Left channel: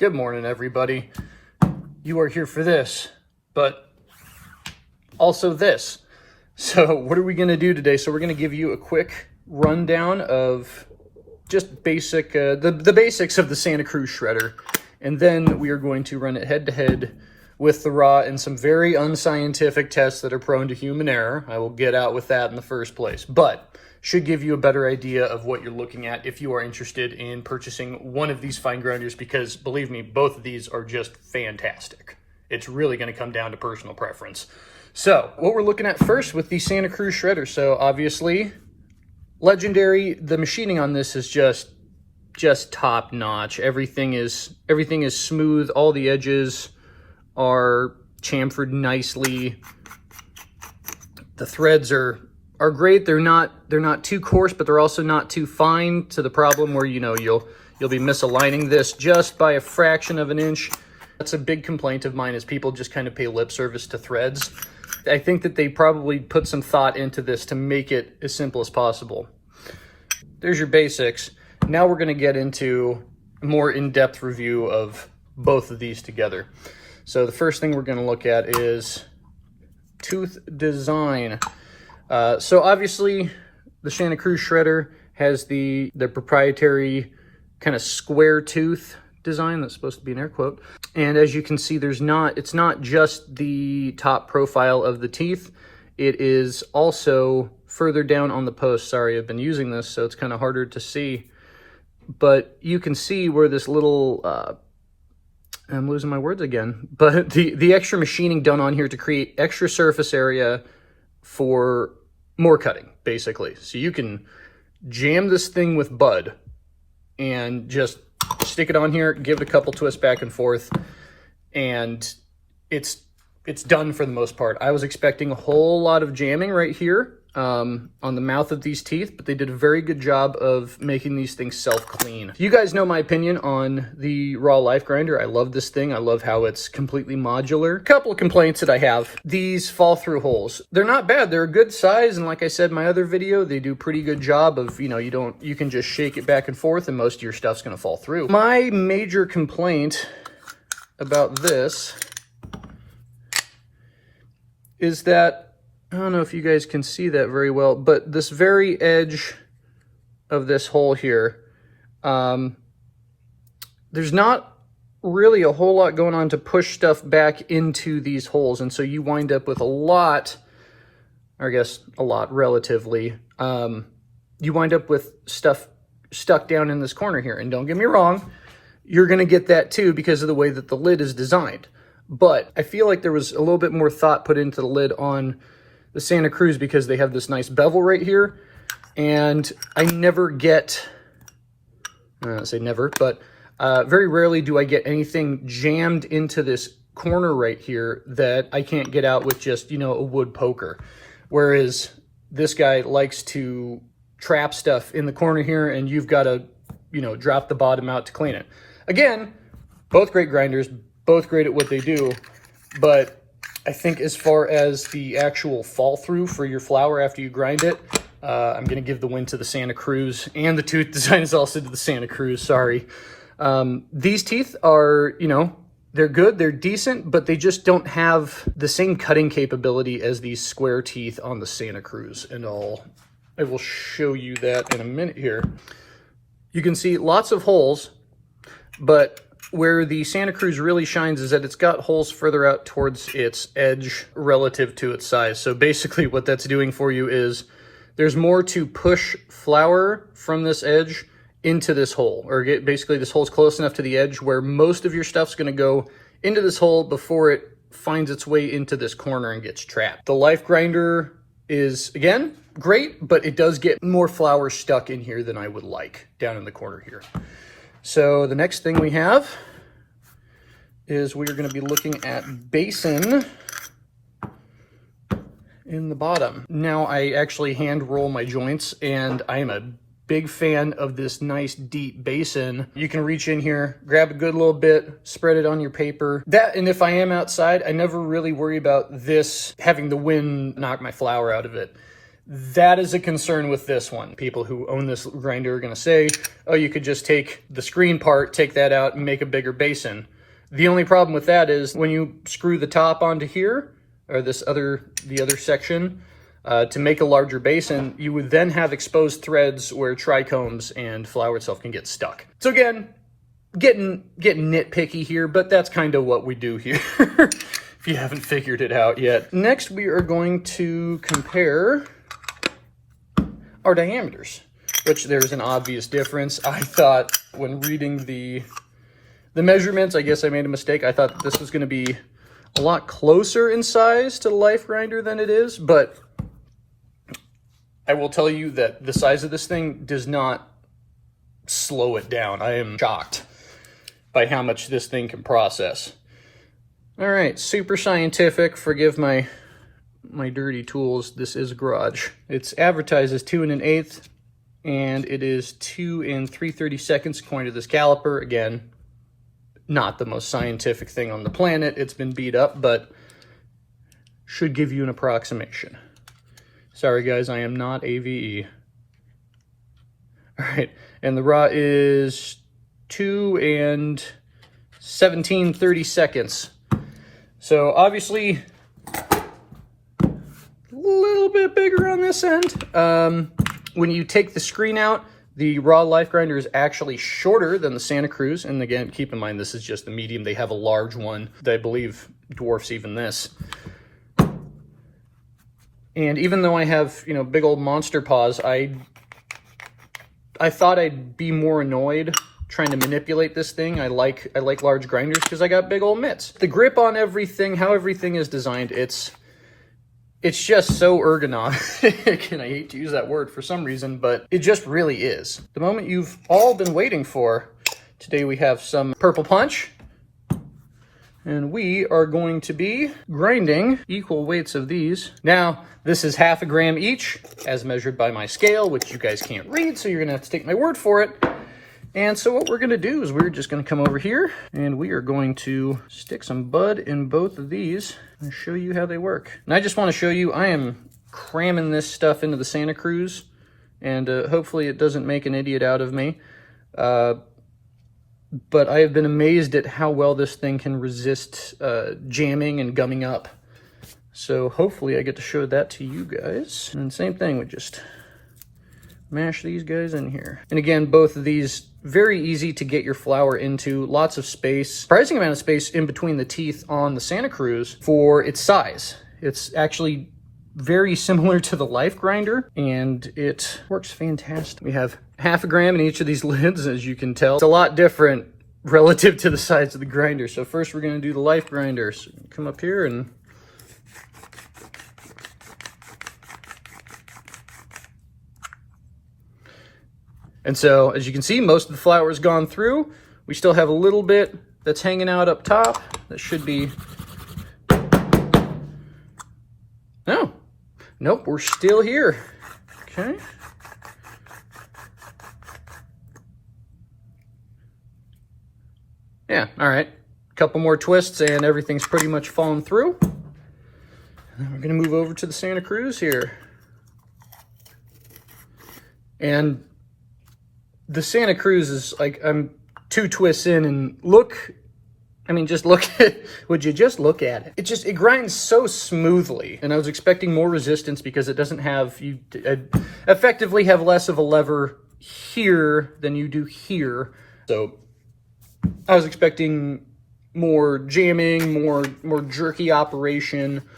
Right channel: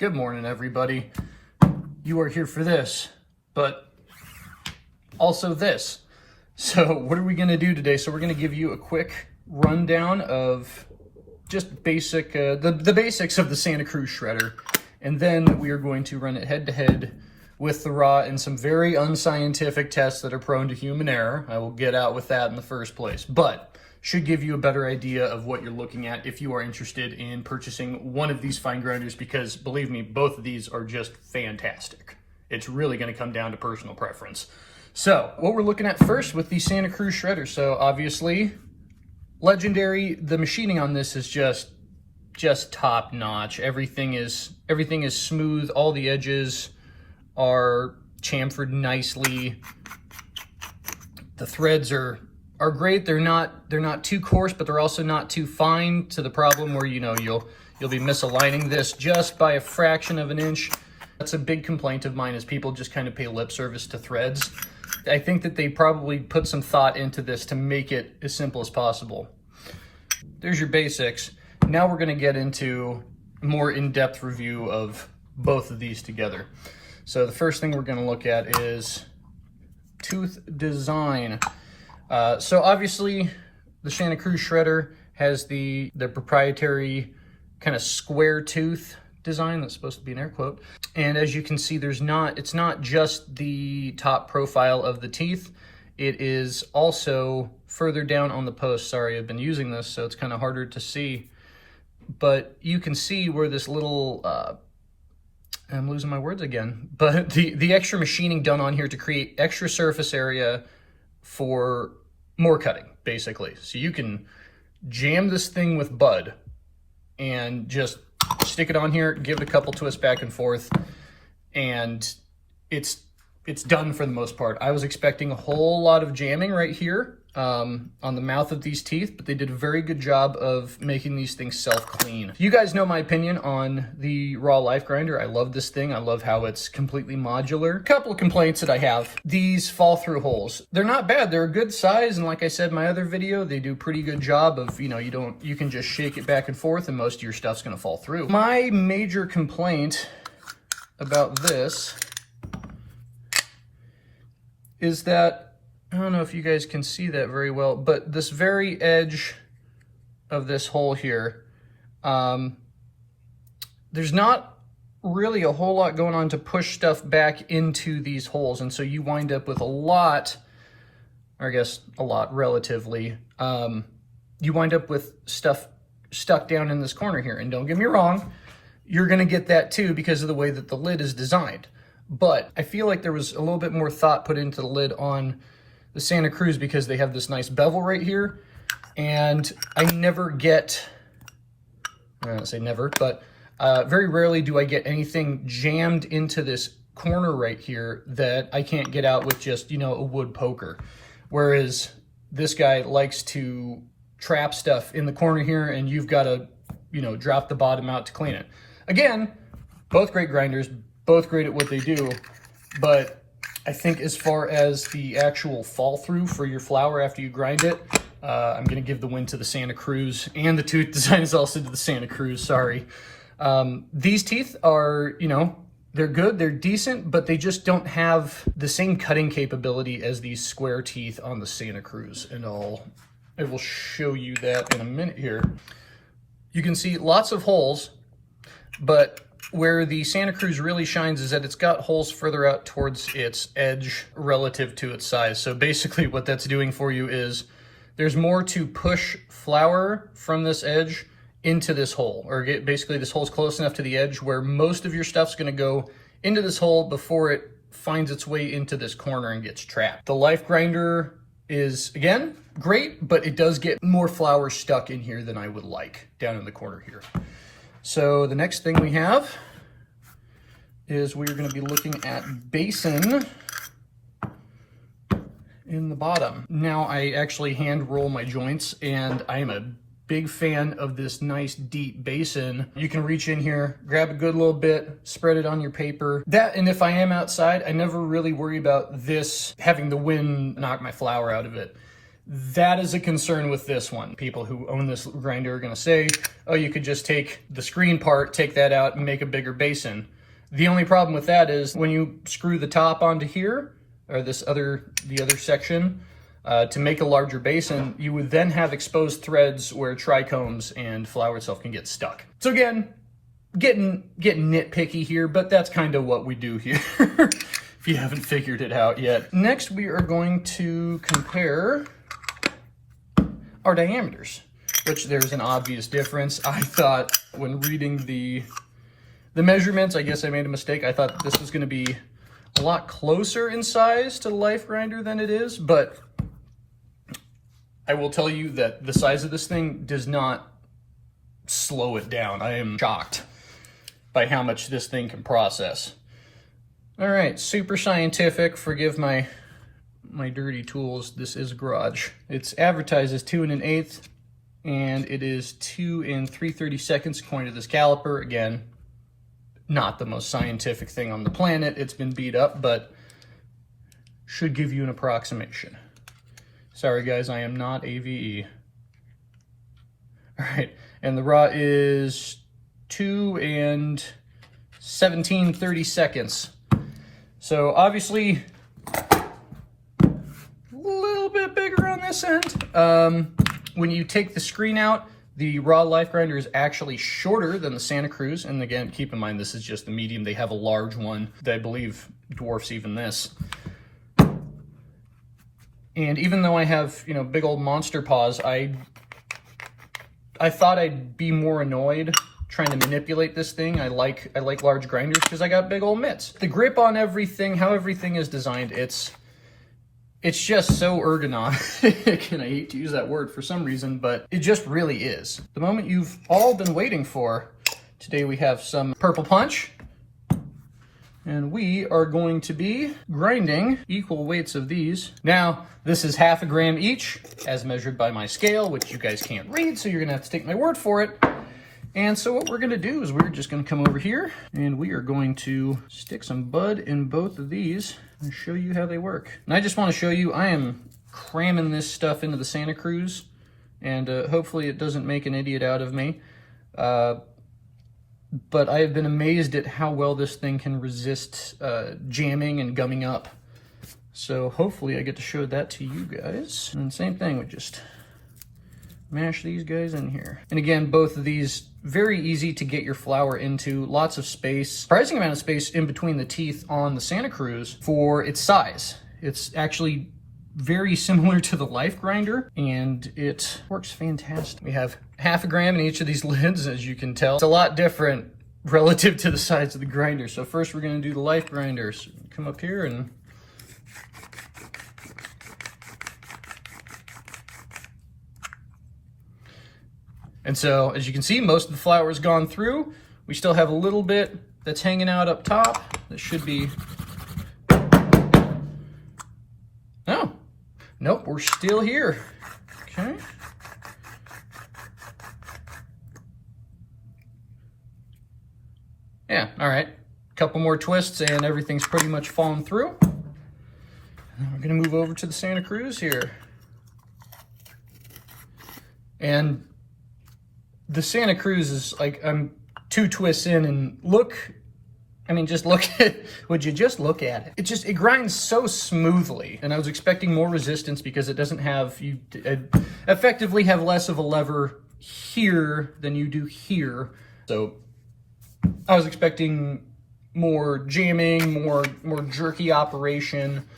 Good morning, everybody. You are here for this, but also this. So what are we going to do today? So we're going to give you a quick rundown of just basic, the basics of the Santa Cruz shredder. And then we are going to run it head to head with the raw and some very unscientific tests that are prone to human error. I will get out with that in the first place, but should give you a better idea of what you're looking at if you are interested in purchasing one of these fine grinders, because believe me, both of these are just fantastic. It's really going to come down to personal preference. So what we're looking at first with the Santa Cruz shredder. So obviously legendary. The machining on this is just top notch. Everything is smooth. All the edges are chamfered nicely. The threads are great. They're not too coarse, but they're also not too fine to the problem where, you know, you'll be misaligning this just by a fraction of an inch. That's a big complaint of mine, is people just kind of pay lip service to threads. I think that they probably put some thought into this to make it as simple as possible. There's your basics. Now we're going to get into a more in-depth review of both of these together. So the first thing we're going to look at is tooth design. So obviously the Santa Cruz shredder has the proprietary kind of square tooth design that's supposed to be an air quote. And as you can see, it's not just the top profile of the teeth. It is also further down on the post. Sorry, I've been using this, so it's kind of harder to see. But you can see where this little, I'm losing my words again, but the extra machining done on here to create extra surface area for more cutting, basically. So you can jam this thing with bud and just stick it on here, give it a couple twists back and forth, and it's done for the most part. I was expecting a whole lot of jamming right here on the mouth of these teeth, but they did a very good job of making these things self-clean. You guys know my opinion on the raw life grinder. I love this thing. I love how it's completely modular. A couple of complaints that I have. These fall through holes. They're not bad. They're a good size, and like I said in my other video, they do a pretty good job of, you know, you can just shake it back and forth and most of your stuff's gonna fall through. My major complaint about this is that, I don't know if you guys can see that very well, but this very edge of this hole here, there's not really a whole lot going on to push stuff back into these holes. And so you wind up with a lot, or I guess a lot relatively, you wind up with stuff stuck down in this corner here. And don't get me wrong, you're gonna get that too because of the way that the lid is designed. But I feel like there was a little bit more thought put into the lid on the Santa Cruz because they have this nice bevel right here. And I never get, I don't say never, but very rarely do I get anything jammed into this corner right here that I can't get out with just, you know, a wood poker. Whereas this guy likes to trap stuff in the corner here and you've got to, you know, drop the bottom out to clean it. Again, both great grinders, both great at what they do, but I think as far as the actual fall through for your flour after you grind it, I'm going to give the win to the Santa Cruz, and the tooth design is also to the Santa Cruz, sorry. These teeth are, you know, they're good, they're decent, but they just don't have the same cutting capability as these square teeth on the Santa Cruz. And I will show you that in a minute here. You can see lots of holes, but where the Santa Cruz really shines is that it's got holes further out towards its edge relative to its size. So basically what that's doing for you is there's more to push flour from this edge into this hole, or basically this hole's close enough to the edge where most of your stuff's gonna go into this hole before it finds its way into this corner and gets trapped. The life grinder is, again, great, but it does get more flour stuck in here than I would like down in the corner here. So the next thing we have is we're going to be looking at basin in the bottom. Now I actually hand roll my joints, and I am a big fan of this nice deep basin. You can reach in here, grab a good little bit, spread it on your paper. That, and if I am outside, I never really worry about this having the wind knock my flour out of it. That is a concern with this one. People who own this grinder are gonna say, oh, you could just take the screen part, take that out and make a bigger basin. The only problem with that is when you screw the top onto here, or the other section, to make a larger basin, you would then have exposed threads where trichomes and flour itself can get stuck. So again, getting nitpicky here, but that's kind of what we do here, if you haven't figured it out yet. Next, we are going to compare our diameters, which there's an obvious difference. I thought when reading the measurements, I guess I made a mistake. I thought this was going to be a lot closer in size to the Life Grinder than it is, but I will tell you that the size of this thing does not slow it down. I am shocked by how much this thing can process. All right, super scientific. Forgive my dirty tools. This is a garage. It's advertised as 2 1/8, and it is 2 3/32 according to this caliper. Again, not the most scientific thing on the planet. It's been beat up, but should give you an approximation. Sorry guys, I am not AVE. All right, and the raw is 2 17/32. So obviously a little bit bigger on this end. When you take the screen out, the raw Life Grinder is actually shorter than the Santa Cruz. And again, keep in mind, this is just the medium. They have a large one that I believe dwarfs even this. And even though I have, you know, big old monster paws, I thought I'd be more annoyed trying to manipulate this thing. I like large grinders because I got big old mitts. The grip on everything, how everything is designed, it's just so ergonomic. And I hate to use that word for some reason, but it just really is. The moment you've all been waiting for. Today we have some purple punch. And we are going to be grinding equal weights of these. Now, this is 1/2 gram each, as measured by my scale, which you guys can't read, so you're gonna have to take my word for it. And so what we're gonna do is we're just gonna come over here, and we are going to stick some bud in both of these and show you how they work. And I just wanna show you, I am cramming this stuff into the Santa Cruz, and hopefully it doesn't make an idiot out of me. But I have been amazed at how well this thing can resist jamming and gumming up. So hopefully I get to show that to you guys. And same thing, we just mash these guys in here. And again, both of these, very easy to get your flour into, lots of space. Surprising amount of space in between the teeth on the Santa Cruz for its size. It's actually very similar to the Life Grinder, and it works fantastic. We have 1/2 gram in each of these lids, as you can tell. It's a lot different relative to the size of the grinder. So first we're gonna do the Life Grinder. So come up here and so, as you can see, most of the flour is gone through. We still have a little bit that's hanging out up top. That should be, no, nope, we're still here. Okay. Yeah, all right. A couple more twists and everything's pretty much fallen through. And then we're gonna move over to the Santa Cruz here. And the Santa Cruz is like, I'm 2 twists in, and look, I mean, just look at, would you just look at it? It grinds so smoothly. And I was expecting more resistance because it doesn't have, you effectively have less of a lever here than you do here. So I was expecting more jamming, more jerky operation,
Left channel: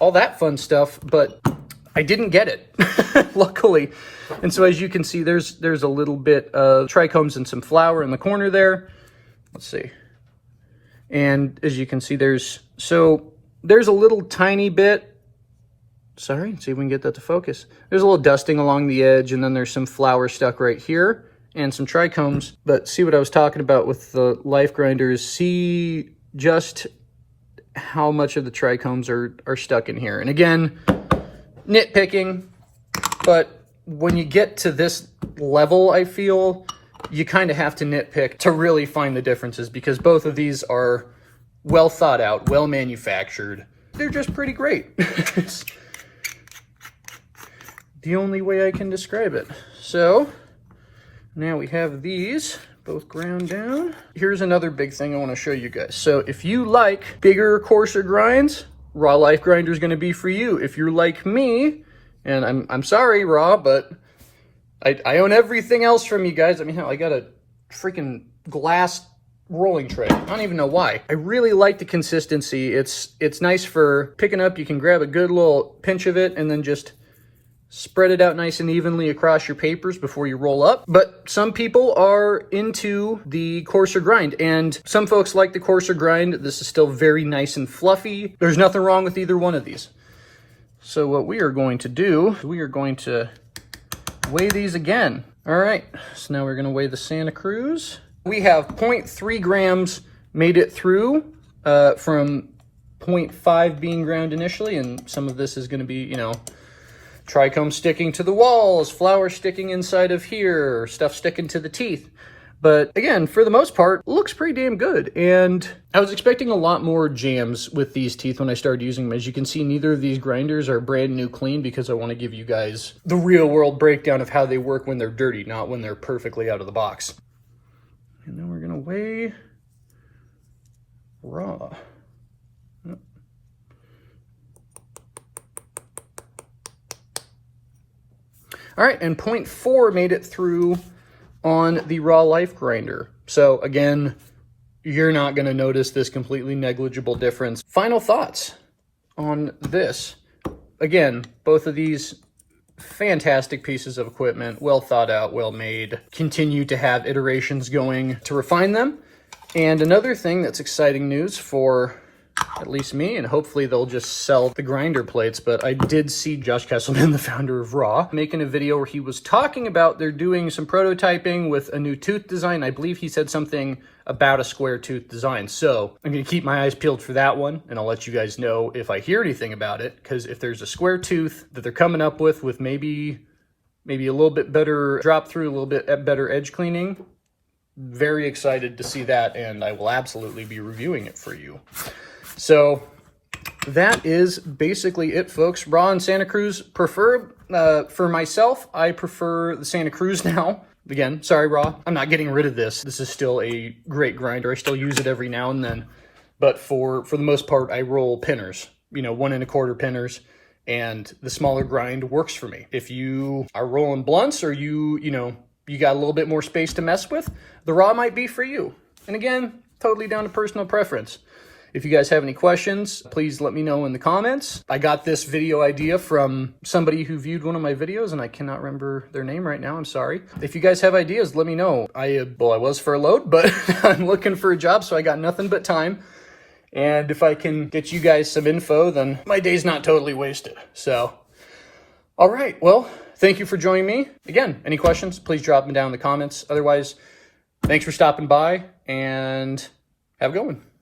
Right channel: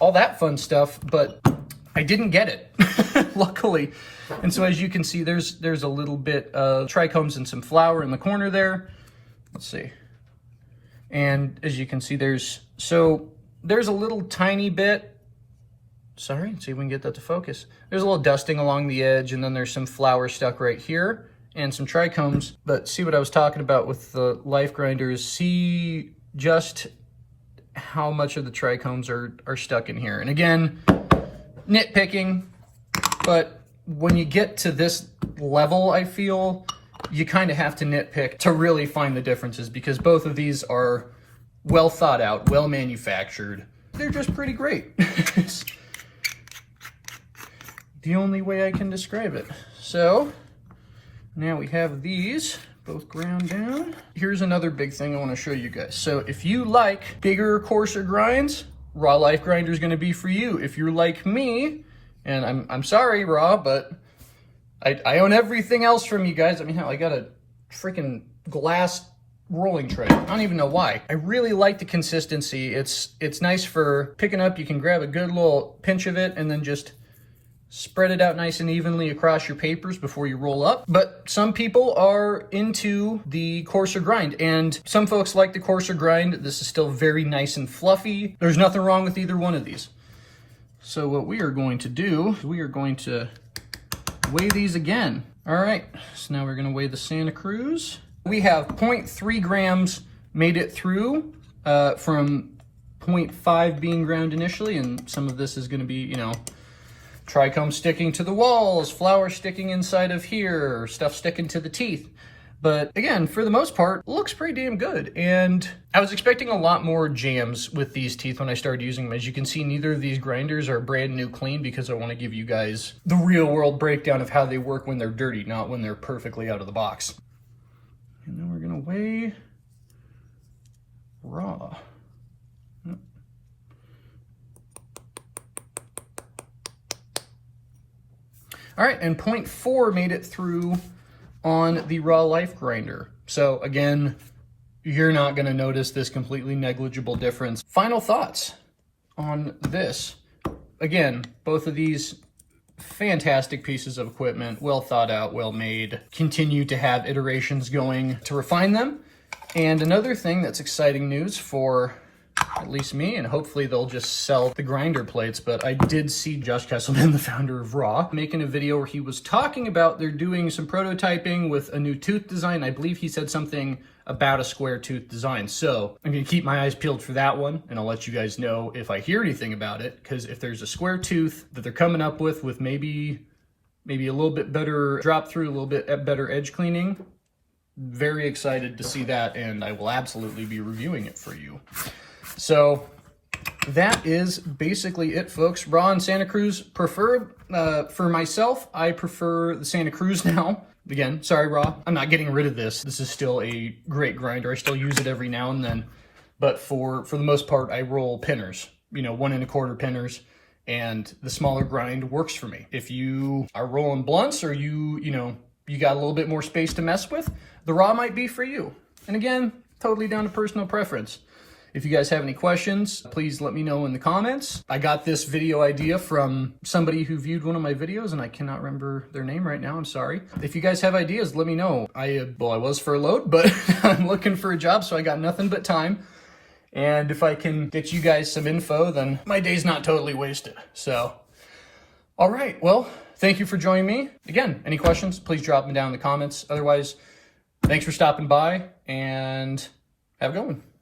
all that fun stuff, but I didn't get it, luckily. And so as you can see, there's a little bit of trichomes and some flour in the corner there. Let's see. And as you can see, there's a little tiny bit, sorry, let's see if we can get that to focus. There's a little dusting along the edge, and then there's some flour stuck right here and some trichomes. But see what I was talking about with the Life Grinders, see just how much of the trichomes are stuck in here. And again, nitpicking, but when you get to this level, I feel you kind of have to nitpick to really find the differences, because both of these are well thought out, well manufactured. They're just pretty great. the only way I can describe it. So now we have these both ground down. Here's another big thing I want to show you guys. So if you like bigger, coarser grinds, Raw Life Grinder is going to be for you. If you're like me, and I'm sorry, Raw, but I own everything else from you guys. I mean, hell, I got a freaking glass rolling tray. I don't even know why. I really like the consistency. It's nice for picking up. You can grab a good little pinch of it and then just spread it out nice and evenly across your papers before you roll up. But some people are into the coarser grind, and some folks like the coarser grind. This is still very nice and fluffy. There's nothing wrong with either one of these. So what we are going to do, we are going to weigh these again. All right, so now we're gonna weigh the Santa Cruz. We have 0.3 grams made it through from 0.5 being ground initially, and some of this is gonna be, you know, trichome sticking to the walls, flour sticking inside of here, stuff sticking to the teeth. But again, for the most part, it looks pretty damn good. And I was expecting a lot more jams with these teeth when I started using them. As you can see, neither of these grinders are brand new clean because I want to give you guys the real world breakdown of how they work when they're dirty, not when they're perfectly out of the box. And then we're gonna weigh Raw. All right, and 0.4 made it through on the Raw Life Grinder. So again, you're not gonna notice this completely negligible difference. Final thoughts on this. Again, both of these fantastic pieces of equipment, well thought out, well made, continue to have iterations going to refine them. And another thing that's exciting news for at least me, and hopefully they'll just sell the grinder plates, but I did see Josh Kesselman, the founder of Raw, making a video where he was talking about they're doing some prototyping with a new tooth design. I believe he said something about a square tooth design. So I'm gonna keep my eyes peeled for that one, and I'll let you guys know if I hear anything about it, because if there's a square tooth that they're coming up with maybe a little bit better drop through, a little bit better edge cleaning, very excited to see that, and I will absolutely be reviewing it for you. So that is basically it, folks. Raw and Santa Cruz preferred. For myself, I prefer the Santa Cruz now. Again, sorry, Raw, I'm not getting rid of this. This is still a great grinder. I still use it every now and then. But for the most part, I roll pinners, you know, 1 1/4 pinners, and the smaller grind works for me. If you are rolling blunts or you got a little bit more space to mess with, the Raw might be for you. And again, totally down to personal preference. If you guys have any questions, please let me know in the comments. I got this video idea from somebody who viewed one of my videos, and I cannot remember their name right now, I'm sorry. If you guys have ideas, let me know. I was furloughed, but I'm looking for a job, so I got nothing but time. And if I can get you guys some info, then my day's not totally wasted. So, all right, well, thank you for joining me. Again, any questions, please drop them down in the comments. Otherwise, thanks for stopping by, and have a good one.